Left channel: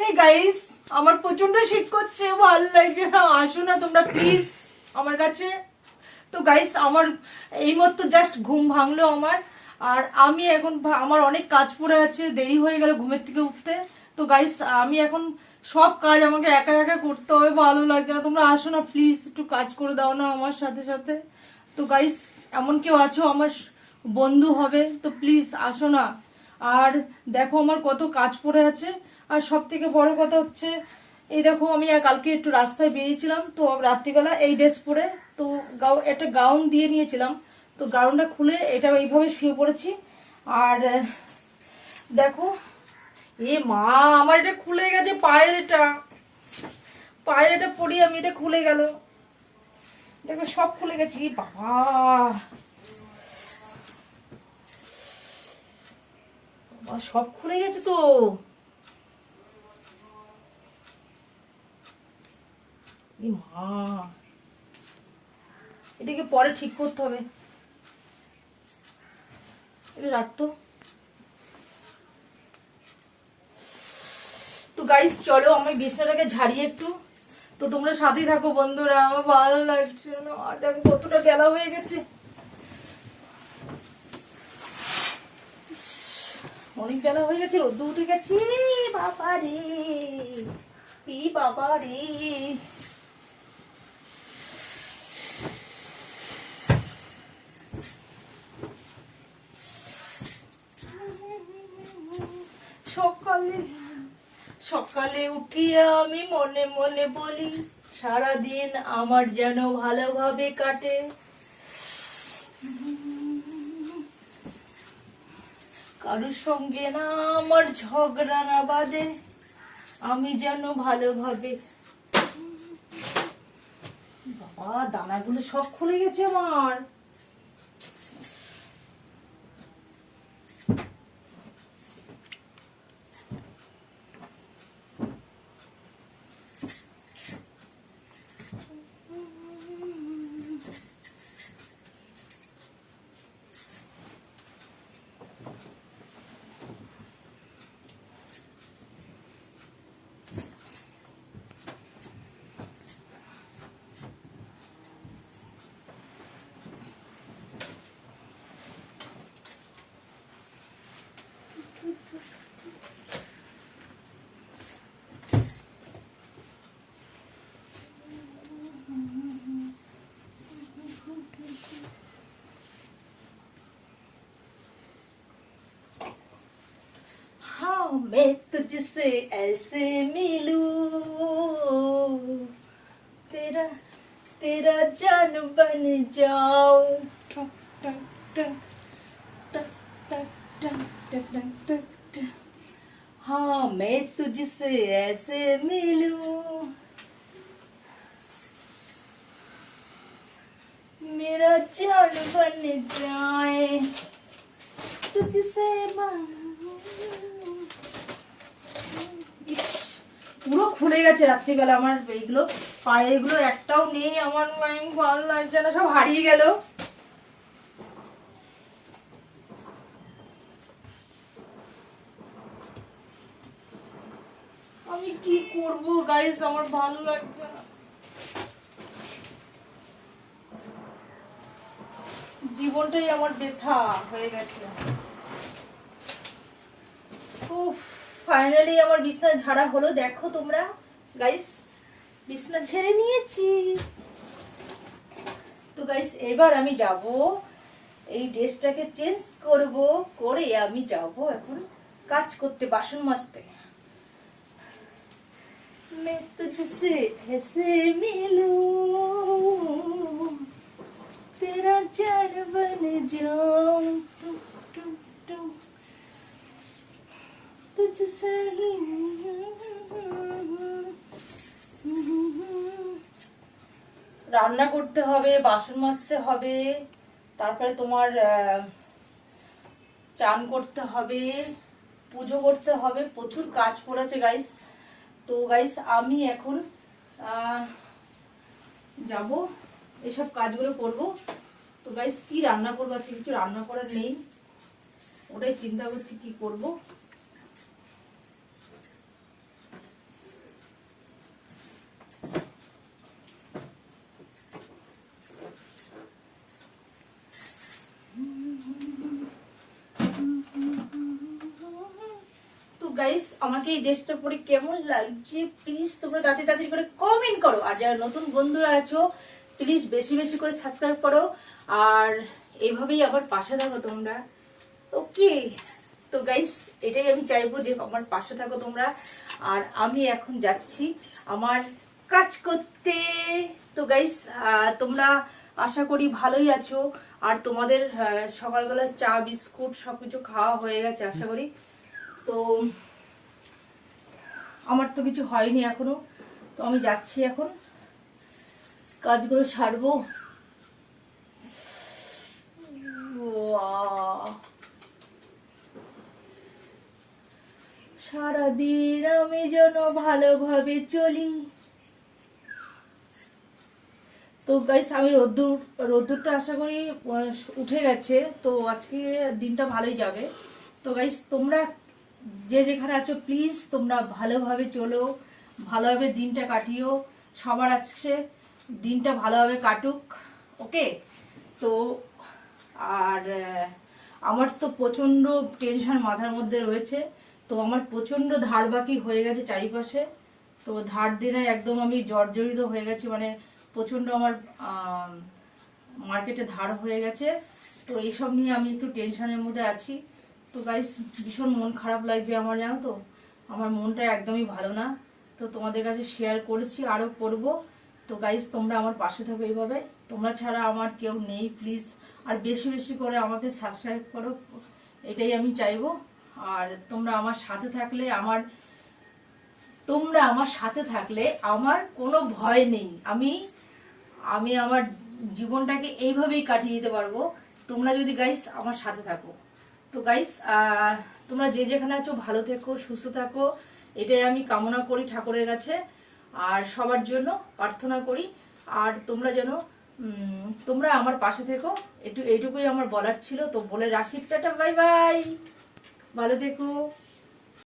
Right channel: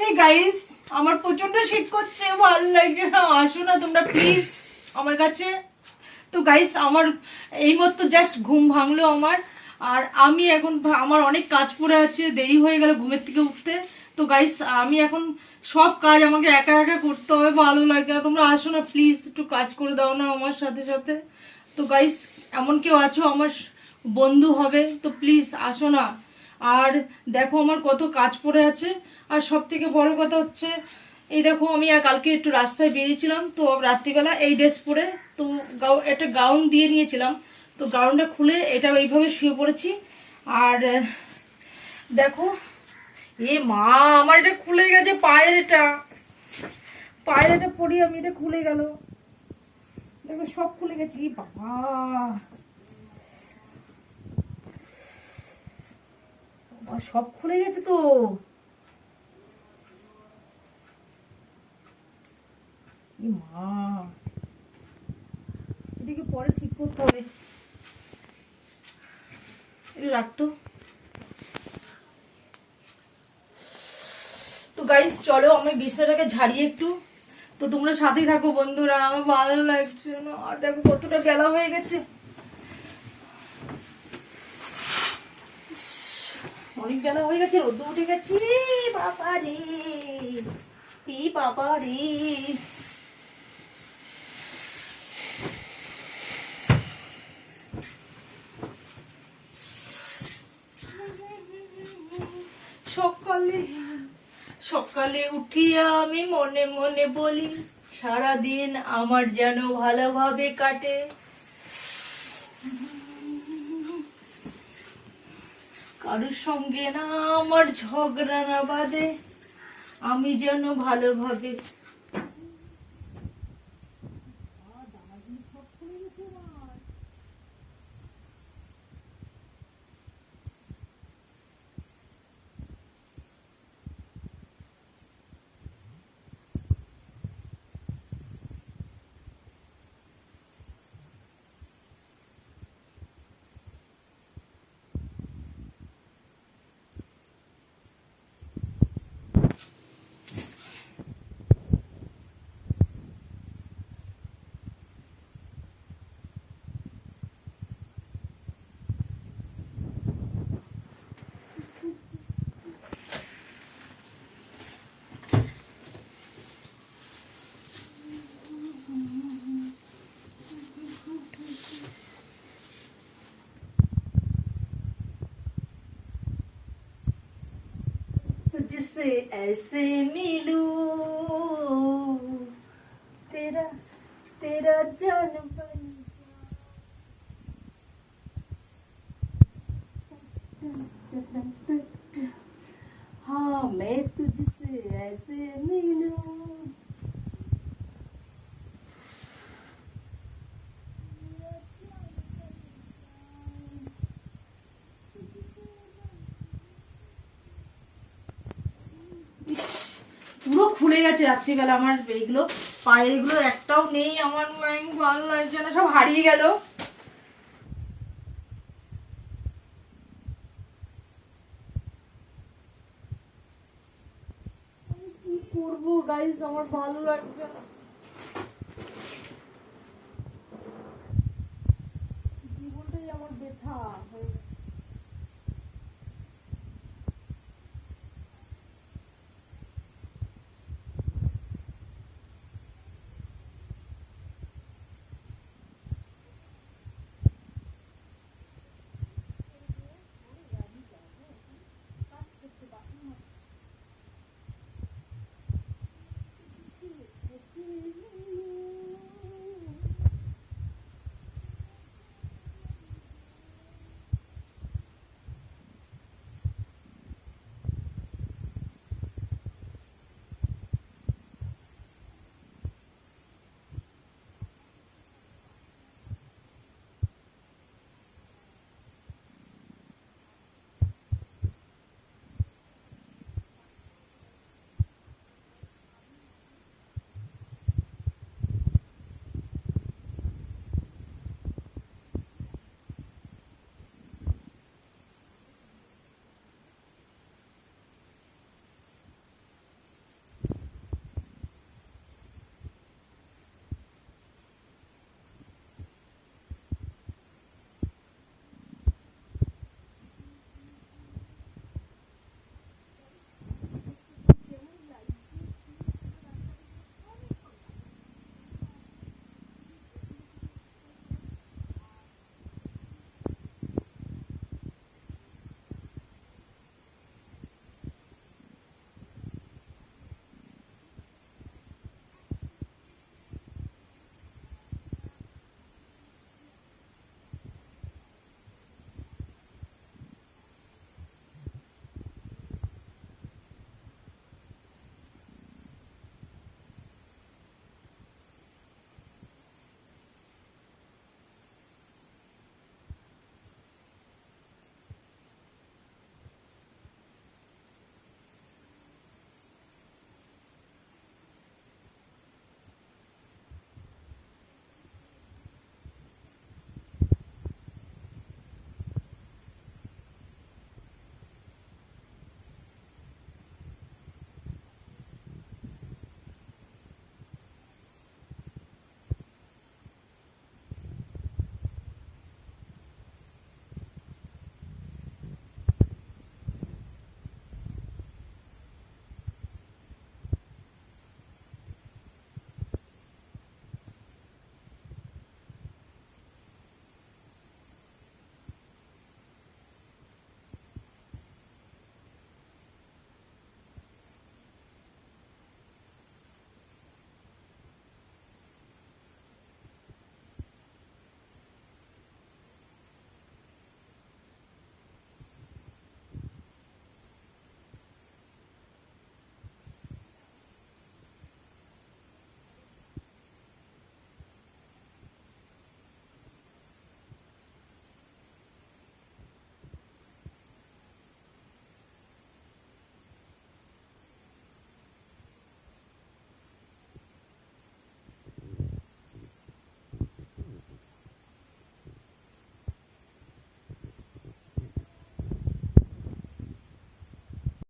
Hey guys, আমার প্রচন্ড শীত করছে, ভালো লাগছে না। আসো না তোমরা প্লিজ আমার কাছে। তো গাইস, আমার এইমাত্র জাস্ট ঘুম ভাঙলো আমার। আর আমি এখন আমার অনেক কাজ পড়ে আছে, দেরি হয়ে গেল ঘুমের থেকে উঠতে। তো গাইস, আমি এখন সব কাজ আমাকে একা একা করতে হবে, ভালো লাগছে না। তোমরা আসো না প্লিজ, একটু কাজ করে দাও না আমার সাথে সাথে। তো গাইস, এমন কেউ আছো আমার বন্ধু হবে তো প্লিজ আসো না। আর দেখো আমার কত কাজ পড়ে আছে। আর সব থেকে বড় কথা হচ্ছে, এই দেখো আমি কালকে একটু রাস্তায় বেরিয়েছিলাম, তো রাত্রিবেলা এই ড্রেস পরে, তো একটা গাউন দিয়ে নিয়েছিলাম, তো গাউনটা খুলে এটা এইভাবে শুয়ে পড়েছি। আর দেখো, এ মা, আমার এটা খুলে গেছে, পায়ের এটা পরি আমি, এটা খুলে গেল। দেখো সব খুলে গেছে, বাবা সব খুলে গেছে তো। মা, এটাকে পরে ঠিক করতে হবে, এটা রাখতো। তো গাইস চলো আমি বিছানাটাকে ঝাড়িয়ে একটু। তো তোমরা সাথেই থাকো বন্ধুরা, আমার ভালো লাগছে না। আর দেখো কতটা বেলা হয়ে গেছে, অনেক বেলা হয়ে গেছে, রোদ উঠে গেছে। বাবা রে, বাবা রে। সকালে সকালে উঠিয়া আমি মনে মনে বলি, সারাদিন আমার যেন ভালোভাবে কাটে। কারোর সঙ্গে না আমার ঝগড়া না বাঁধে, আমি যেন ভালোভাবে। বাবা, দানাগুলো সব খুলে গেছে আমার। मैं तुझसे ऐसे मिलूं, तेरा तेरा जान बन जाऊं। हाँ, मैं तुझसे ऐसे मिलूं, मेरा जान बन जाए, तुझसे পুরো খুলে গেছে রাত্রিবেলা আমার এইগুলো, পায়ে এগুলো একটাও নেই আমার, ভালো লাগছে না, সব হারিয়ে গেল। আমি কি করব গাইস, আমার ভালো লাগছে না, জীবনটাই আমার ব্যথা হয়ে গেছে। ফাইনালি আমার বিছানা ঝাড়া হলো, দেখো তোমরা গাইস, বিছানা ঝেড়ে নিয়েছি। তো গাইস এবার আমি যাব, এই ড্রেসটাকে চেঞ্জ করব, করে আমি যাব এখন কাজ করতে, বাসন মাজতে। मैं तुझसे ऐसे मिलूं, तेरा जान बन जाऊं, तुझसे রান্না করতে হবে, বাসন মাজতে হবে, তারপরে তোমার চান করতে হবে, পুজো করতে হবে, প্রচুর কাজ পড়েছে গাইস। তো গাইস আমি এখন যাব, এসব কাজগুলো করব। তো গাইস কি রান্না করবো, আজকে কিছু রান্না করার নেই, ওটাই চিন্তা করছি কি করব। গাইস আমাকে এই ড্রেসটা পরে কেমন লাগছে প্লিজ তোমরা তাড়াতাড়ি করে কমেন্ট করো, আর যারা নতুন বন্ধুরা আছো প্লিজ বেশি বেশি করে সাবস্ক্রাইব করো, আর এইভাবেই আবার পাশে থাকো তোমরা। ওকে, তো গাইস এটাই আমি চাইবো যে আমার পাশে থাকো তোমরা। আর আমি এখন যাচ্ছি আমার কাজ করতে। তো গাইস তোমরা আশা করি ভালোই আছো, আর তোমাদের সকালবেলা চা বিস্কুট সবকিছু খাওয়া হয়ে গেছে আশা করি। তো আমার তো কিছু হয়নি এখনো, তো আমি যাচ্ছি এখন কাজগুলো সারবো। সারাদিন আমি যেন ভালোভাবে চলি। তো গাইস আমি রোদ্দুরটা আশা করি উঠে গেছে, তো আজকে দিনটা ভালোই যাবে। তো গাইস তোমরা যে যেখানে আছো প্লিজ তোমরা ভালোভাবে চলো, ভালোভাবে দিনটা কাটিও, সবার আজকে দিনটা ভালোভাবে কাটুক। ওকে, তো আর আমার তো প্রচণ্ড টেনশন মাথার মধ্যে রয়েছে। তো আমার প্রচণ্ড ধার বাকি হয়ে গেছে চারিপাশে, তো ধার দিনে একদম আমি জর্জরিত হয়ে গেছি, মানে প্রচণ্ড আমার মার্কেটে ধার হয়ে গেছে। তো এইসব নিয়ে আমি একটু টেনশনের মধ্যে আছি। তো গাইস ভীষণ মন খারাপ লাগছে আমার, জানো তো আমার মনটা একদমই ভালো না। তো তোমাদের কাছে শেয়ার করেছি, আরও করব। তো গাইস তোমরা আমার পাশে থাকো এইভাবে, তোমরা ছাড়া আমার কেউ নেই প্লিজ। আর বেশি বেশি করে আমাকে সাবস্ক্রাইব করো, এটাই আমি চাইবো। আর তোমরা আমার সাথে থাকলে আমার কোনো ভয় নেই, আমি আমার জীবনটাকে এইভাবেই কাটিয়ে দিতে পারবো তোমরা যদি গাইস আমার সাথে থাকো। তো গাইস তোমরা যে যেখানে আছো ভালো থেকো, সুস্থ থাকো, এটাই আমি কামনা করি ঠাকুরের কাছে, আর সবার জন্য প্রার্থনা করি। আর তোমরা যেন তোমরা আমার পাশে থেকো, এইটুকুই আমার বলার ছিল। তো বলে রাখছি, টাটা বাই বাই, ভালো থেকো।